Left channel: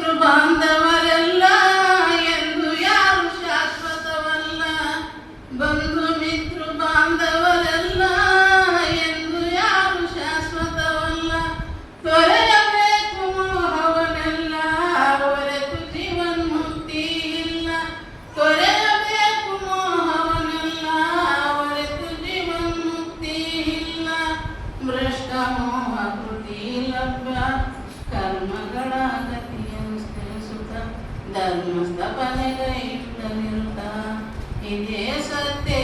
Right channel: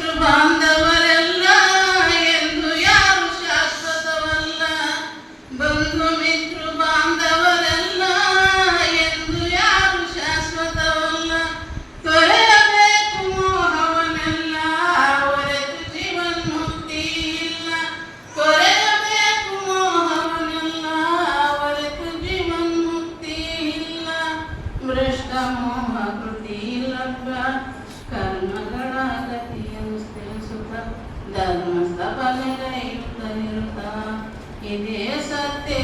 ಮಿತ್ರ ಬಾಂಧವರೆಲ್ಲ ಎಂದು ಯಾರು ಶಾಶ್ವತವಲ್ಲ. ಬಂಧು ಮಿತ್ರ ಬಾಂಧವರೆಲ್ಲ ಎಂದು ಯಾರು ಶಾಶ್ವತವಲ್ಲ. ತೊರೆಯಬೇಕು ಮೋಹವನೆಲ್ಲ ಹೊರತು ಜೀವನ್ಮುಕ್ತಿ ಇಲ್ಲ. ತೊರೆಯಬೇಕು ಮೋಹವನೆಲ್ಲ ಹೊರತು ಜೀವನ್ಮುಕ್ತಿ ಇಲ್ಲ. ಭ್ರಷ್ಟ ಮೋಹ ಕೃತಿ ಲಭ್ಯ ಕರ್ಮಗಳ ಗತಿಯನ್ನು ತಿಳಿಸುತ್ತ ಧರ್ಮ ಸ್ಥಾಪನೆಗೈಯುತ್ತ ನಿರುತ್ತ ಇದೇ ಸತ್ಯ